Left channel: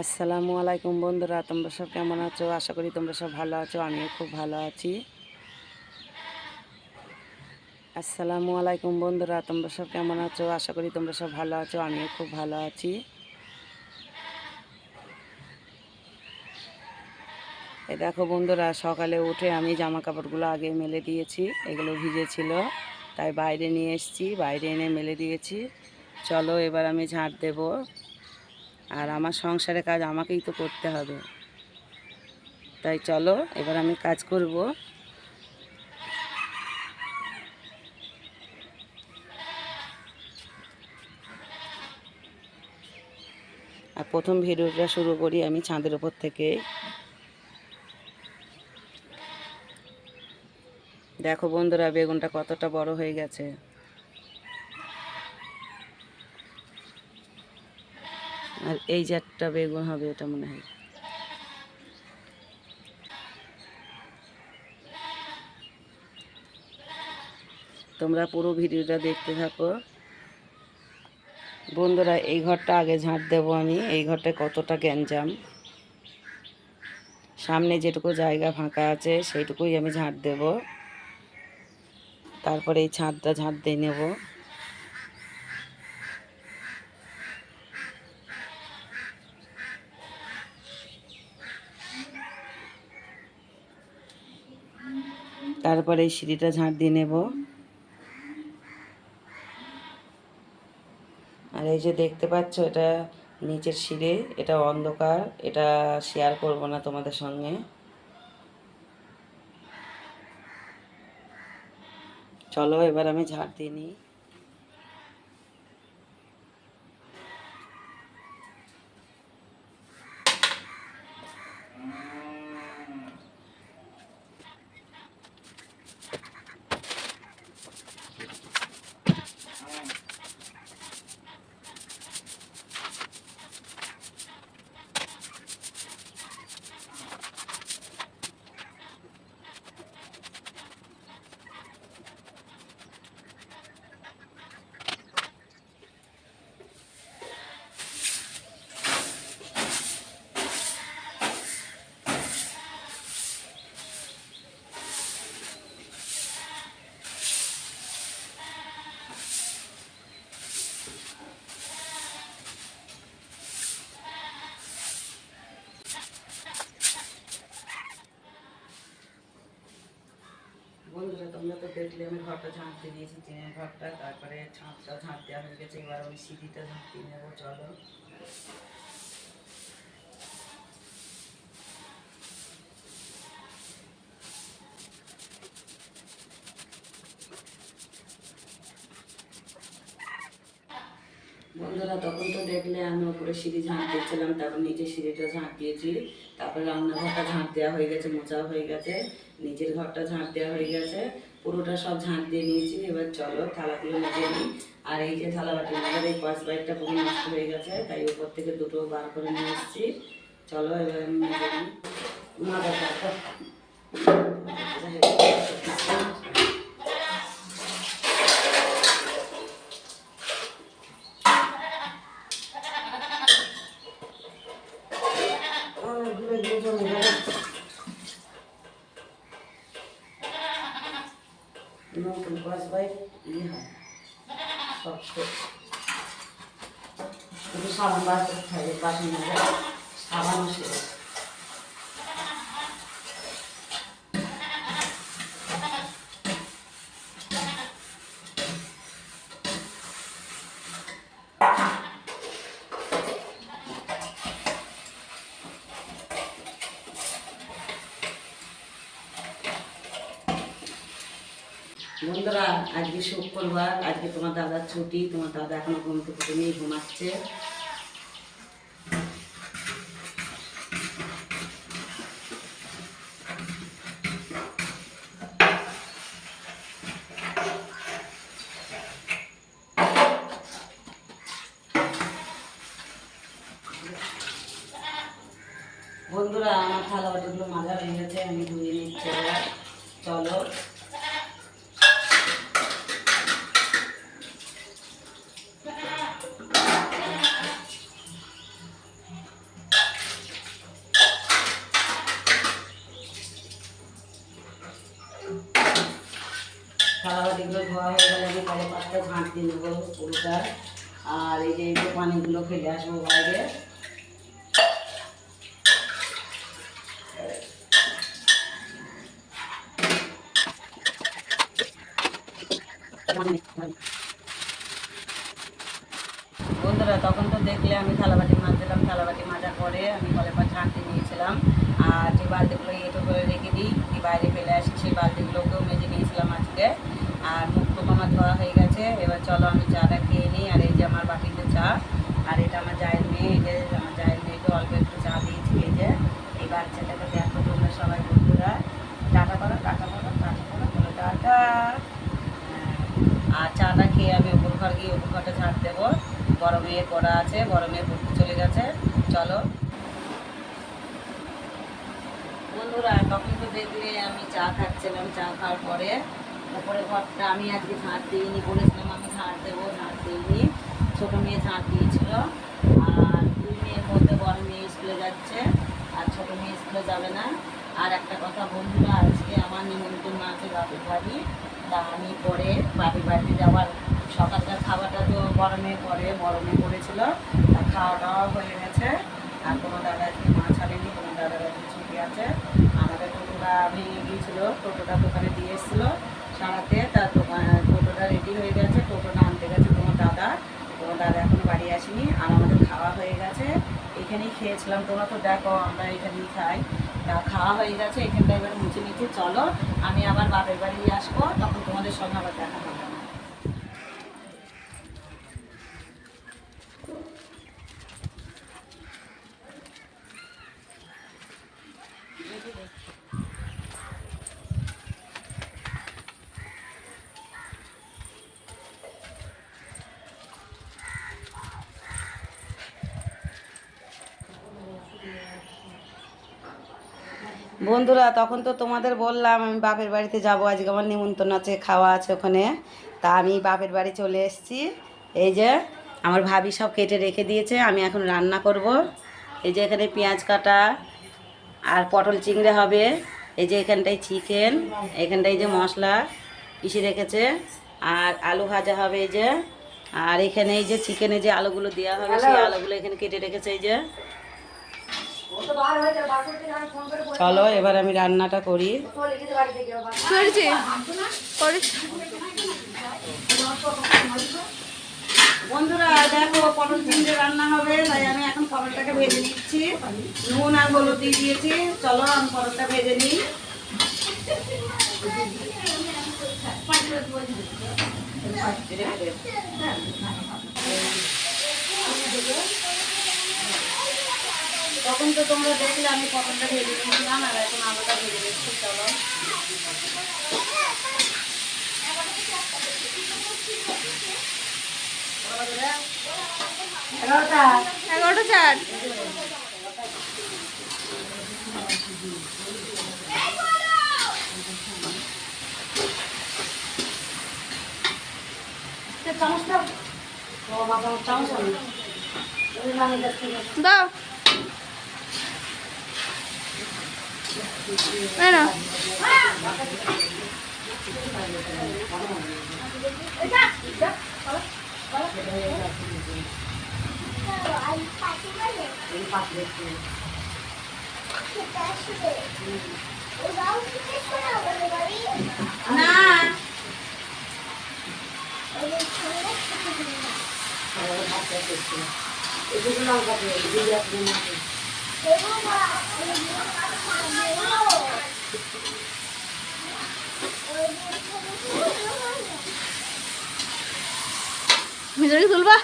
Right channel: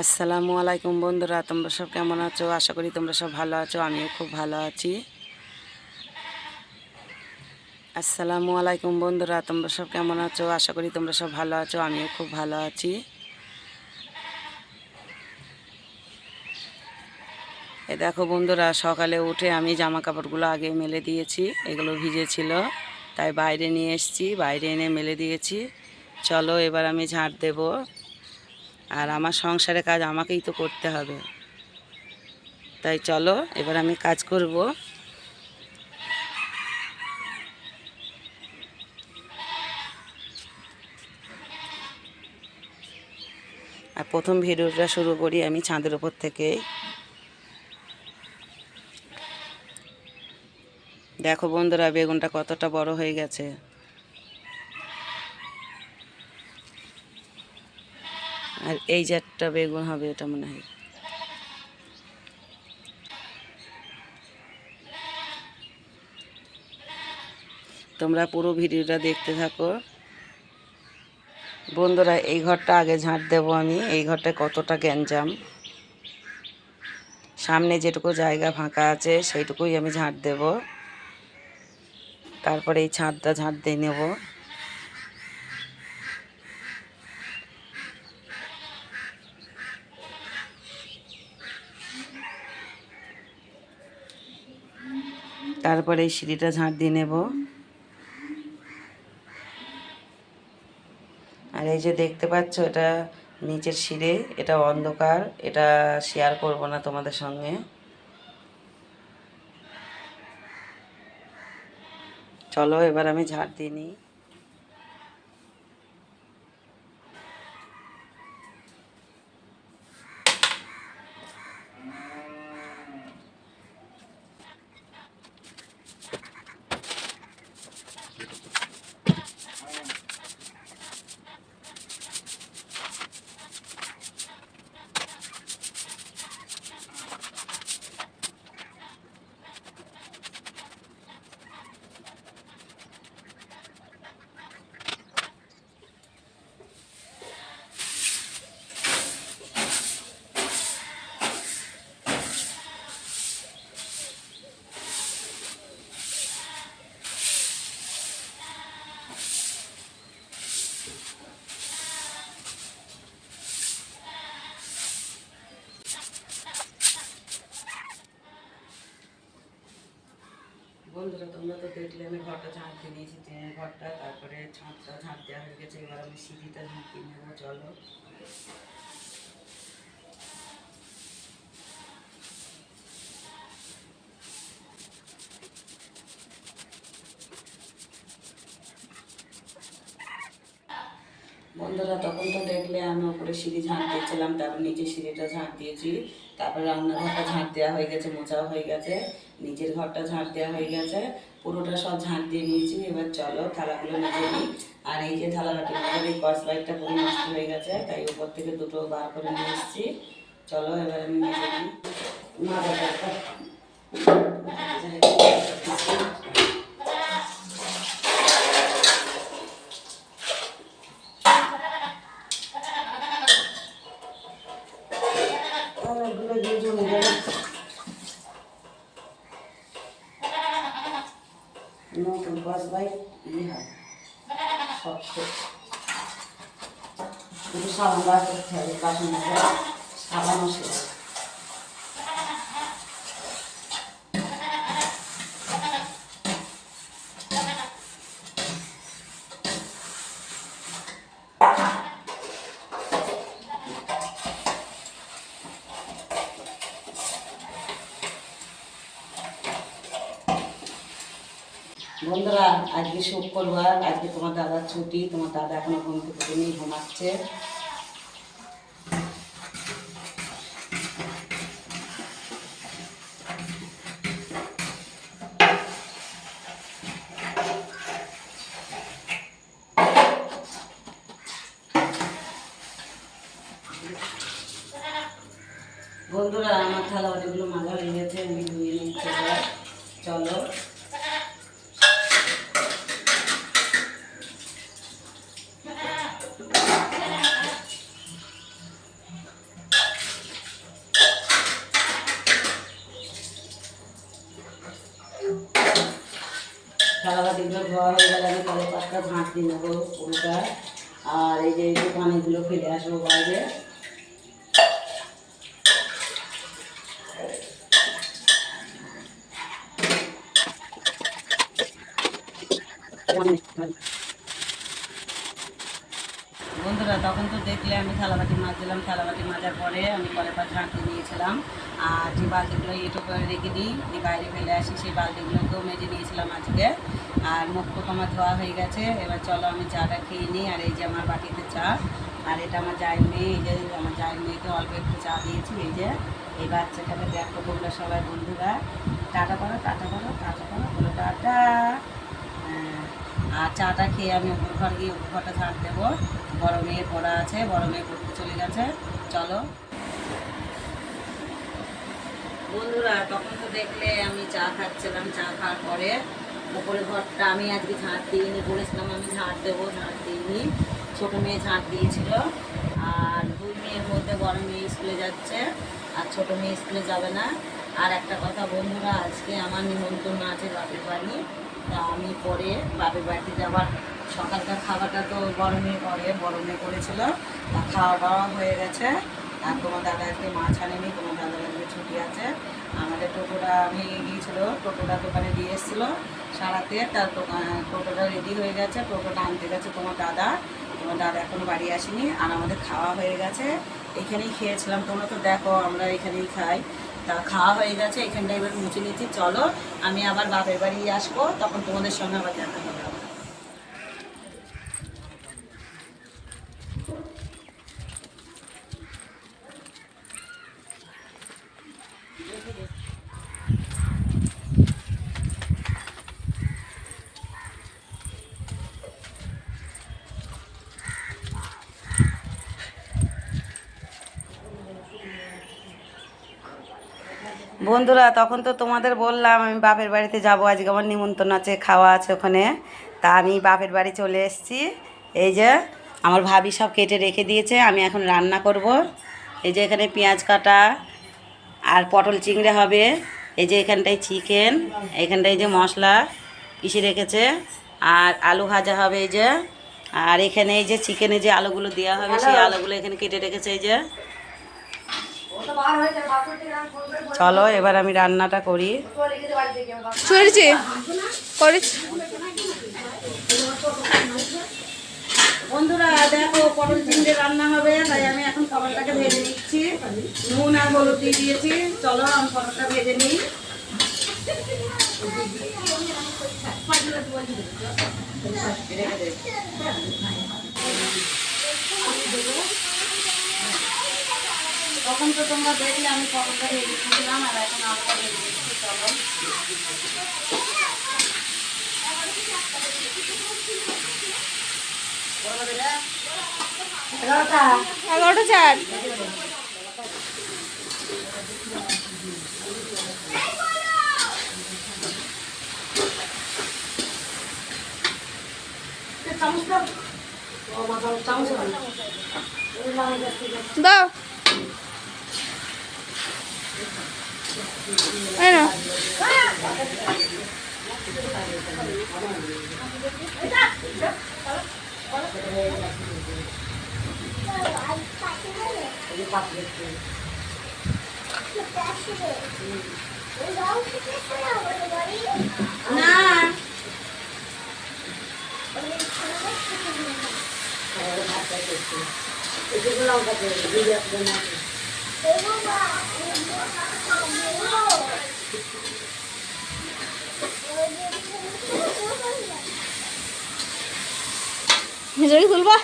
আসসালামু আলাইকুম বন্ধুরা, তোমরা সব কেমন আছো? আশা করি তোমরা সব ভালো আছো, আমিও খুব ভালো আছি। আসসালামু আলাইকুম বন্ধুরা, তোমরা সব কেমন আছো? আশা করি তোমরা সব ভালো আছো, আমিও খুব ভালো আছি। এ দেখো বন্ধুরা, সকালে উঠে আমি জামা কাপড়গুলো আগে মেলে দিয়েছি, এগুলো ভিজেছিল, তাই বাইরে নিয়ে এসেছি, বাইরে এনে মেলে দিয়েছি। চলো এবার আমি ঝাঁট দেবো। আর আমার সংসারের কাজ আমাকেই তো করতে হবে। তাই চলো, এবার আমি কাজ করব। আর প্রথম ভিডিওটা শুরু করি আমি ছাদের ওপর থেকে দেখো বন্ধুরা, বেগুনটা কতটা বড় হয়ে গেছে। আর এই যে একটা বেগুন হবে, এটা মনে হয়। তোমরা পুরো ভিডিওটা দেখতে থাকো। বন্ধুরা, এই ঘরটা আগে ঝাঁট দেবো আমি। এই ঘরটায় কতটা গ্যাঞ্জাম। সামনে যেটুকু জায়গা ফাঁকা আছে, সেইটুকুই আমি ঝাঁট দেব। তারপরে এই ছাদটা ঝাঁট দিয়ে নেব। তারপরে এই সিঁড়িটা ঝাঁট দিয়ে নেব। আর এই যে দেখতে পাচ্ছ, এটা নিচের সিঁড়ে, এটা অন্ধকার, এটা শেয়ার করব না তোমাদের সঙ্গে। চলো, এবার আমি ঝাঁট দিয়ে নিই বন্ধুরা তোমরা তো দেখলে আমি ঘরটা ঝাঁট দিয়েছি, টিনের ঘরটা, তারপরে ছাদটা ঝাঁট দেওয়া হয়ে গেছে, এবার আমি সিঁড়িটা ঝাঁট দিয়ে নেব, চলো। বন্ধুরা, তখন তো দেখলে আমি উপরে সিঁড়ি ঝাঁট দিয়েছিলাম, তারপর নিচে সিঁড়িটা ঝাঁট দিয়েছি, তারপরে রান্নাঘরটা ঝাঁট দেওয়া হয়ে গেছে মোচা হয়ে গেছে নিচের ঘরটা ঝাঁট দেওয়া হয়ে গেছে পুরোটা সব ঝাঁট দিয়ে নিয়েছি, এবার চলো থালাগুলো নিয়ে নিই। আর এই যে থালা বাটি আমাদের পাশ বাইকটা পুরো নষ্ট হয়ে গেছে, তাই উপর থেকে দুটো বার করে নিয়ে এসেছি। চলো এবার আমি মেজে নিই। মাজাটা অনেকগুলো দিয়ে জমে গেল নতুন বাস বাইক ইয়ে হয় শক্ত কিন্তু সাবান বার করতে হবে বাসন মাজা সাবান আসে বন্ধুরা, আজকে শুক্রবার আজকে তোমার দাদার ছুটি, তোমার দাদা এখনও ঘুম থেকে ঘুমাচ্ছে। থালা বাটিগুলো মাজা হয়ে আমি ধুয়ে নিচ্ছি চলো। থালা বাটিগুলো ধোয়া হয়ে গেলে আমি কয়েক পাঁচটা ঝাঁট দিয়ে নেব পুরোটা। আর এই যে এই পানিগুলো ফেলে আসব বাইরে। আর যে বালতিগুলো এটো করে রেখে দিই দিয়ে বাইরে ফেলে আসি সেই বালতিগুলোকেও মেজে নিয়েছিলাম আজকে। আর মুখ টুক আমার ধোয়া হয়ে গেছে এবার চলো আমি চাটা খেয়ে নিই আর এই যে আমার বাটিতে চা আর এটা আমার জায়ের মেয়ে এই যে আমার জায়ের মেয়েকে অল্প একটু চা দিয়েছি এই যে। এই বাচ্চাটাকে দেখো তোমরা সবাই বন্ধুরা। টাটা করো টাটা করো টাটা করো বলো টাটা। হ্যাঁ, আর চাটা খেয়ে আমি উপর ঘর গিয়ে উপর ঘরটা ঝাড় দেবো। বড় মেয়ে পড়া আছে বড় মেয়ে পড়তে চলে গেছে। চলো। বন্ধুরা, তখন তো দেখলে আমি চা খাচ্ছিলাম, চা খাওয়ার পরে উপরে ঘরটা আমি আজকে ঝাঁট দিইনি, বলেছিলাম আমি ঝাঁট দেবো, ঝাঁট দিইনি। ছোটো মেয়ে ঝাঁট দিয়েছিল আর দুই মেয়ের মধ্যে বড় মেয়ে স্কুলে যাচ্ছে আর ছোটো মেয়ে স্কুলে যাবে না। আর একটা কথা বন্ধুরা, আজকে আমার নিমন্ত্রণ আছে বাপের বাড়ি, তা আমি পরে বাপের বাড়িতে যাবার সকালকার খাবারটা তো গরমে করে মেয়ে করেছিল তা খাওয়া দাওয়া হয়ে গেছে। আর তোমার দাদা আজকে মাছ আনেনি, তোমার দাদার ছুটি আছে। আমাদের টোটোটা ভেঙে গিয়েছিল, টোটোটা দোকানে দিয়ে এসেছিল সারাতে। তার দোকান, টোটোটা রেডি হয়ে গেছে, টোটোটা আনতে গেছে তোমার দাদা। তোমার দাদা এখনও বাড়ি আসেনি আর আমাদের খাওয়া হয়ে গেছে। এখানেই খেয়েছিলাম তোমরা তো দেখো, আমরা এখানেই খাই। তা খাওয়া হয়ে গেছে, এখানটা এবার মুছে নিচ্ছি। চলো, আমি আবার বাপের বাড়ি আসব, তখন তোমাদের সঙ্গে আবার দেখা হবে আমার। বন্ধুরা তখন তো তোমাদের বললাম আমি বাপের বাড়িতে যাব আজকে আমার নিমন্ত্রণ আছে খাওয়া আছে ওখানে। তা আমি বাপের বাড়ি চলে এসেছি। এই যে আমার ভাবি সব কেটে রেখে দিয়েছে আমি এখন রান্না করব। এই যে এখানে পেঁয়াজ কাটা আর পটল চিংড়ে হবে। এই যে এখানটায় চিকেন এখানটায় যে মশলা পিষে রেখেছে। আর আলু ভাজা হবে এই যে। আর এখানে এই যে চিকেনে যে আলুগুলো দেওয়া হবে সেই আলুগুলো এখানে কেটে রেখেছে এই যে। চলো এবার আমি রান্নাটা করি। চলছে করেছি বন্ধুরা দেখো পটল চিংড়ি রান্না হবে তাই আমি এখন পটলটাকে ভেজে নিচ্ছি। নুন আর হলুদ দিয়ে দিয়েছি। চলো আমি পটলটা ভেজে নিই। তখন তো তোমরা দেখলে আমি পটলটা ভেজে নিয়েছিলাম আর এখন আলুটা ভেজে দিচ্ছি চলো। এগারোটা? এগারোটা চার। দাও ও মা চামচ চামচ আনো। ওই নাও এটা থেকে। দাও এই না যে লঙ্কা। মিজরি তুলবা?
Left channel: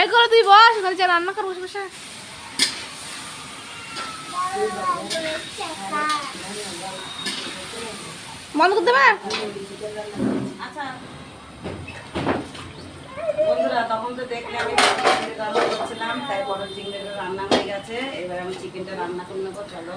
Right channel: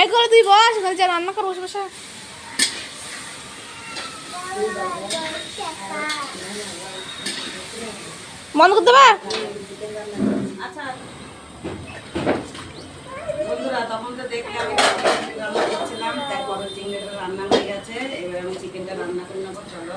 এই করে তুই বস, ওখানে যা রান্না কর, বসে বসে। বন্ধ করতে দেবা? আচ্ছা বন্ধুরা, তখন তো দেখলে আমি রান্না করছিলাম, তাই পটল চিংড়িটা রান্না হয়ে গেছে। এবার আমি চিকেনটা রান্না করে নেব, চলো।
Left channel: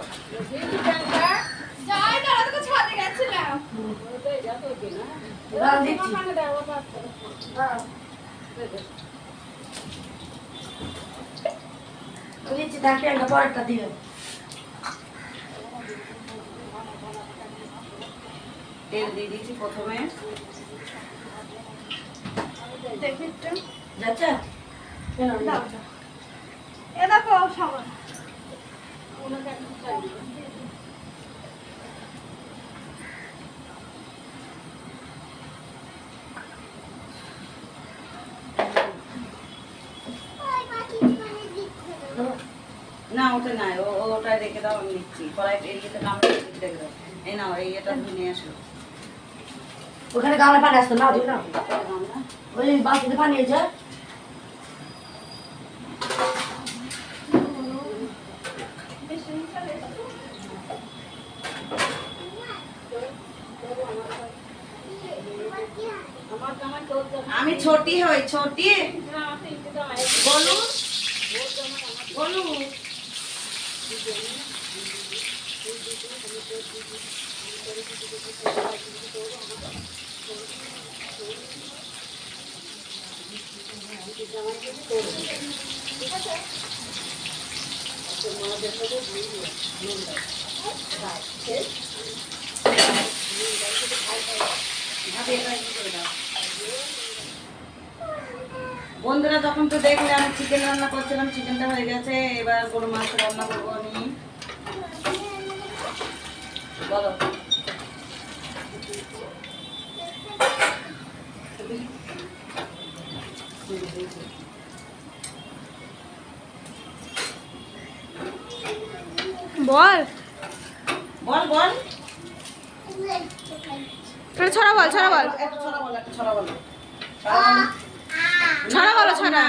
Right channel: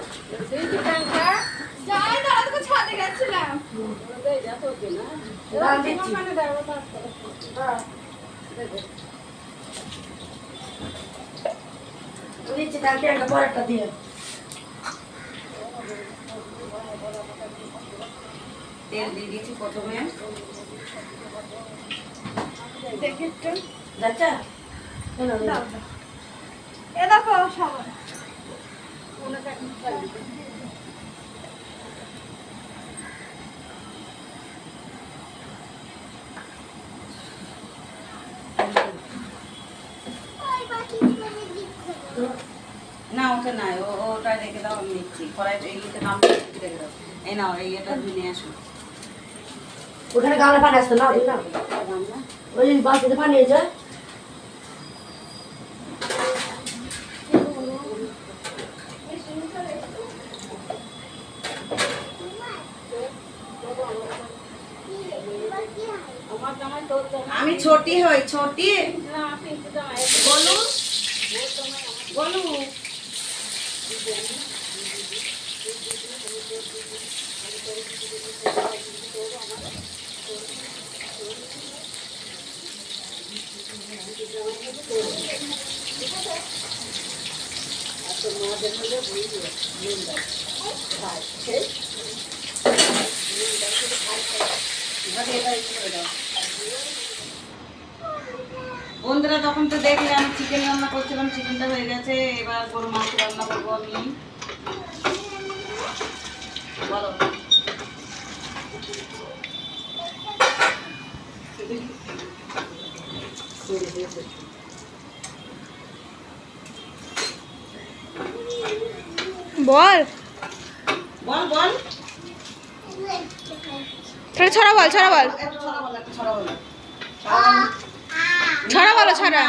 তেল দিয়ে দিয়েছি প্রথমে দেখি একটু যাচ্ছে দাও, দাও। এ দেখো না ওটা নাই ওটা রেখে দাও আমি নিচ্ছি। কড়াইটা এইটা নাম রেখে দাও। এই নাও এই এটা ধুয়ে নিয়ে আসো। ওখানে গামলা পানি আসতো না দেখলাম ওই বালতিতে পানি আমি ছোটি হই ছোটি। বলু বন্ধুরা, তখন তো দেখলে আমি চিকেন রান্না করছিলাম চিকেনটা হয়ে গেছে। এবার গরু মাংস রান্না করব আমি। বলো। বল। বল বল। তাহলে ছড়া বল ছড়া বল। ছড়া বলো ছড়া বলো। ছড়া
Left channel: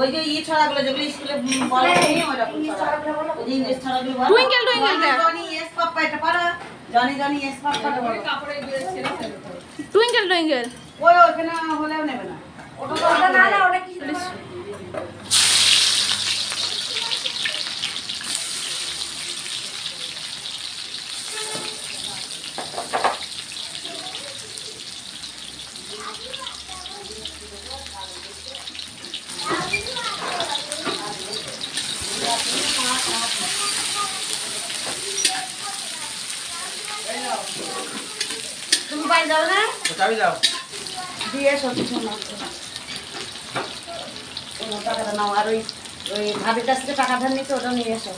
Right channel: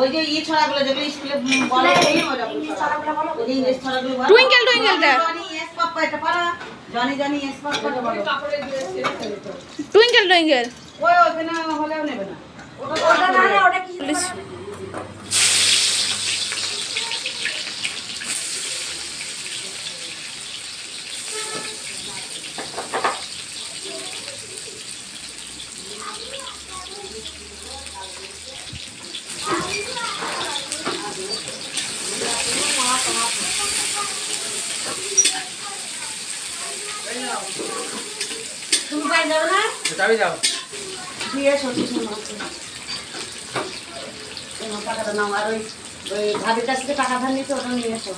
ওই যে ইয়ে ছড়াগুলো যেগুলো স্কুলে বলে ছড়া। ওই যে ইংলিশ ছড়াগুলো বলো। Twinkle, twinkle টা। জনি ইয়েস পাপ্পা এটা পারো। জনি জনি ইয়েস পাপ্পা এটা বলো টুইঙ্কেল টুইঙ্কেল। ওই ওখানে হলেও নেবে না। তুমি পাই দাও না চাবি দাও দিয়ে আছে। এই নাও টাকাটা নাও আর ওই ওই ভাবির কাছ থেকে টাকা ধার নিতে ওটা নিয়ে এসো।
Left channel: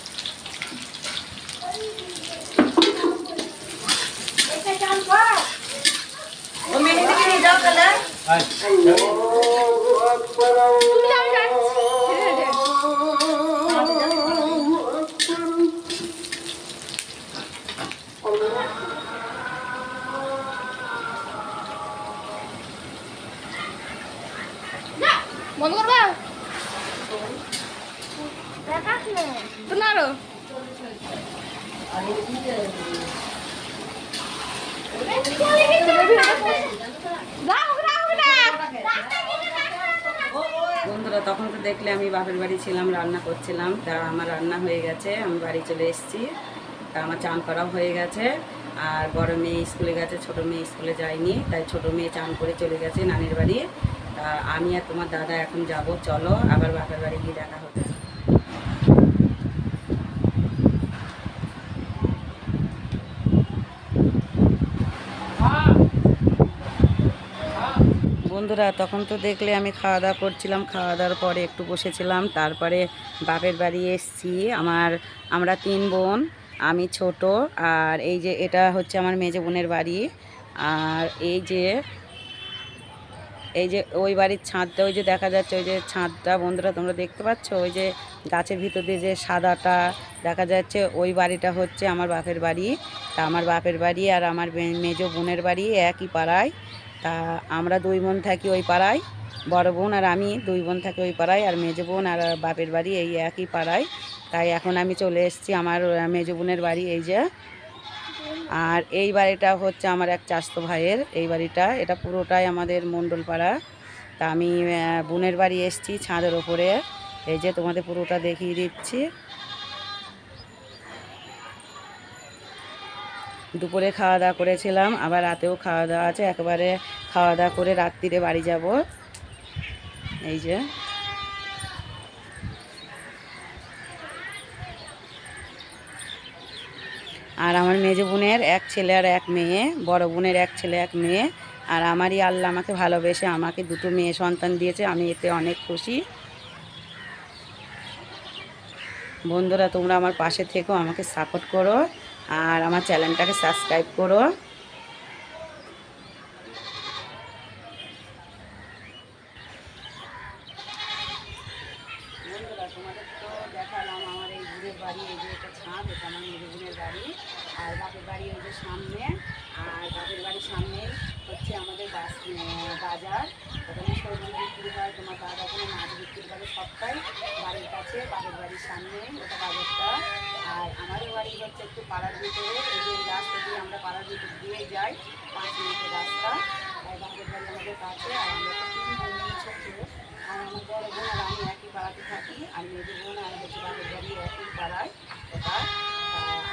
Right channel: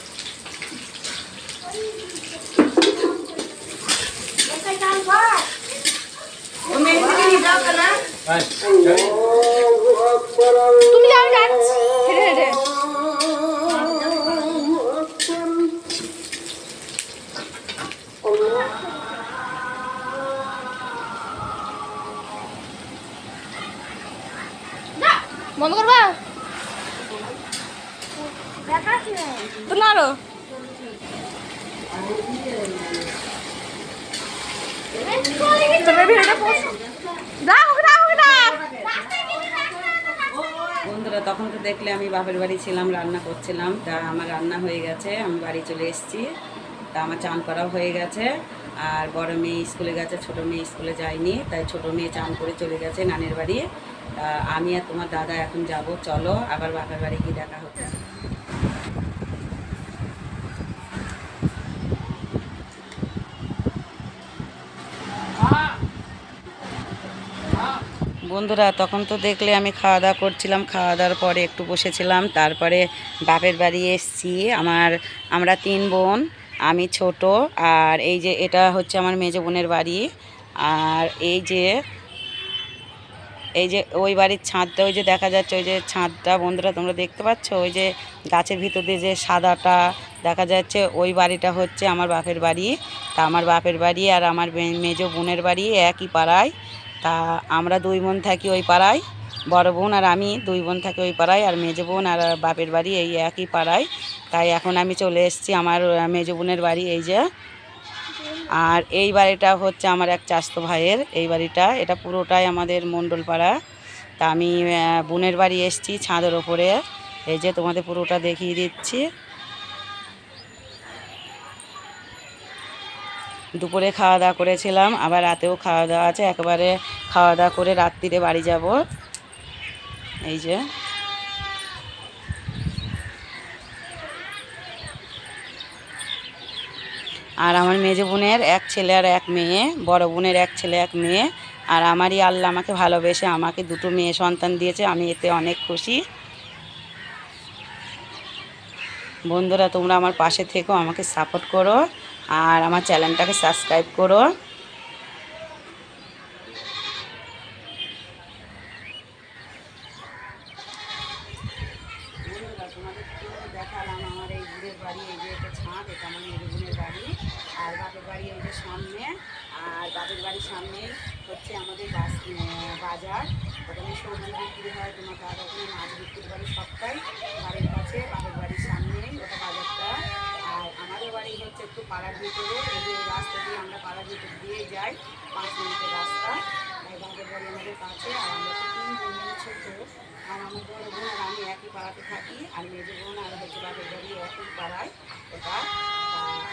ও মেহেন্দিকে নিয়ে যাও তাহলে। বন্ধুরা, তখন তো দেখলে আমি বাপের বাড়ি ছিলাম, রান্না করছিলাম। তা আমার রান্না হয়ে গেছে, আমি বাড়ি চলে এসেছি। তা আমার চান করাও হয়ে গেছে। আর বড় মেয়ে স্কুলে গেছে, ছোট মেয়ে স্কুলে যায়নি, তাই ছোট মেয়ে চান করে চলে গেছে নানির বাড়ি। তা আমি আর তোমার দাদা এখন যাব, চলো, আবার বাপের বাড়ি গিয়ে দেখা হচ্ছে। বন্ধুরা, তখন তো দেখলে আমি খাওয়া দাওয়া করছিলাম, খাওয়া দাওয়ার পরে একটু বসেছিলাম, তারপরে বাপের বাড়ি এসছি। আমার, আমরা তিন বোন, আমি ছোট, আর এই যে এটা হচ্ছে আমার মেজো বোনের বাড়ি, আর এই যে এই যে ওই বাড়ির ছাদটা, ওই যে দেখা যাচ্ছে, ওই যে ছাদটা, বন্ধুরা তোমরা দেখতে পাচ্ছ? ওই যে গাছের ভিতর দিয়ে যে সাদাটা দেখা যাচ্ছে, ওই বাড়িটা হচ্ছে আমার বাপের বাড়ি। তা আমার বাপের বাড়ি আর আমার মেজো বোনের বাড়ি একই পাড়ায়। তা আমরা দুই বোন থাকি ওই পাড়ায়, বড় বোন আর আমি দুই বোন থাকি ওই পাড়ায় আর মেজো বোন আর বাপের বাড়ি এই একই পাড়ায়। তাই এখন আমি চলে এসেছি আমার মেজো বোনের বাড়ি এই যে। আর এই বাড়িটা হচ্ছে আমার এক চাস্ত ভাইয়ের, এই বাড়িটা, এটা পুরোটাই আমাদের মণ্ডল পাড়া। তা আমি বোনের বাড়ি এসেছি ছাদের ওপরে। এই যে তোমাদের পুরোটা দেখিয়ে দিচ্ছি। দুপুরে খাওয়া দাওয়া করেছিলাম, আবার রাতেও খাওয়া দাওয়া আছে, একেবারে খাওয়া দাওয়া করে রাত্রিরে বাড়ি যাব। এই যে। আর আমার মেজো বোনের এক ছেলে আর এক মেয়ে, বড় বোনের এক ছেলে, এক মেয়ে, আর আমারই আল্লাহ আমাকে ভালোবেসে আমাকে দুটো মেয়ে সন্তান দিয়েছে, আমি এতে অনেক খুশি। বন্ধুরা, তোমরা আমার পাশে থেকো, আমাকে সাপোর্ট করো। আর আমার চ্যানেলটাকে সাবস্ক্রাইব করো। দেখালাম আমার এই বাড়ি একটা ছাদ এটা আমার বাড়ি আর বাপের বাড়ি সামনে আর বাপের বাড়ির হচ্ছে আমাদের বাজার বিক্রি হয় তোমার ওখানে মাছ সবটাই বাড়ির কাছে বাপের বাড়ির সামনে ওটা বাজারটা আর আমাদের বাড়ি হচ্ছে একটু পাড়ার ভিতরে, এই রাস্তা দিয়ে আমরা পাড়ার ভিতর দিয়ে যাই, পাঁচ মিনিটের রাস্তা। আর বাড়ি আমাদের কাছে, আর আমরা তো তিন বোন ছোটো। আর আমার বড় বোন আর আমি একই পাড়াতে থাকি, আর মেয়েদের বোন আর হচ্ছে বাপের বাড়ি একই পাড়ায় তা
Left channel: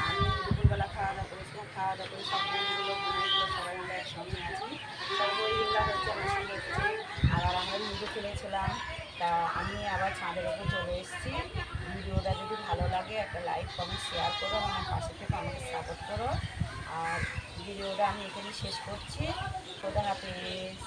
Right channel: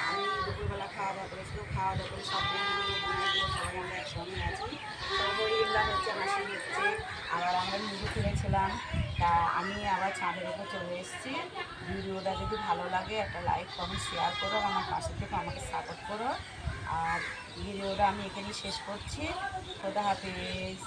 আমি দুপুরবেলা খাওয়া দাওয়া করেছিলাম খাওয়া দাওয়া করে সব বোনগুলো বোনগুলো সবাই আমরা একসঙ্গে আছি। সব বইগুলা হচ্ছে আমার সঙ্গে আবার আমরা নিজে খেলেছিলাম তা আমি আবার ছাদের উপর চলে এসেছি। ভিডিওটা যদি ভালো লাগে, একটা লাইক কমেন্ট শেয়ার করো, আমার পাশে থেকে আমাকে সাপোর্ট করো। আর ভিডিওটা আমি এখানে শেষ করছি। খোদা হাফিজ।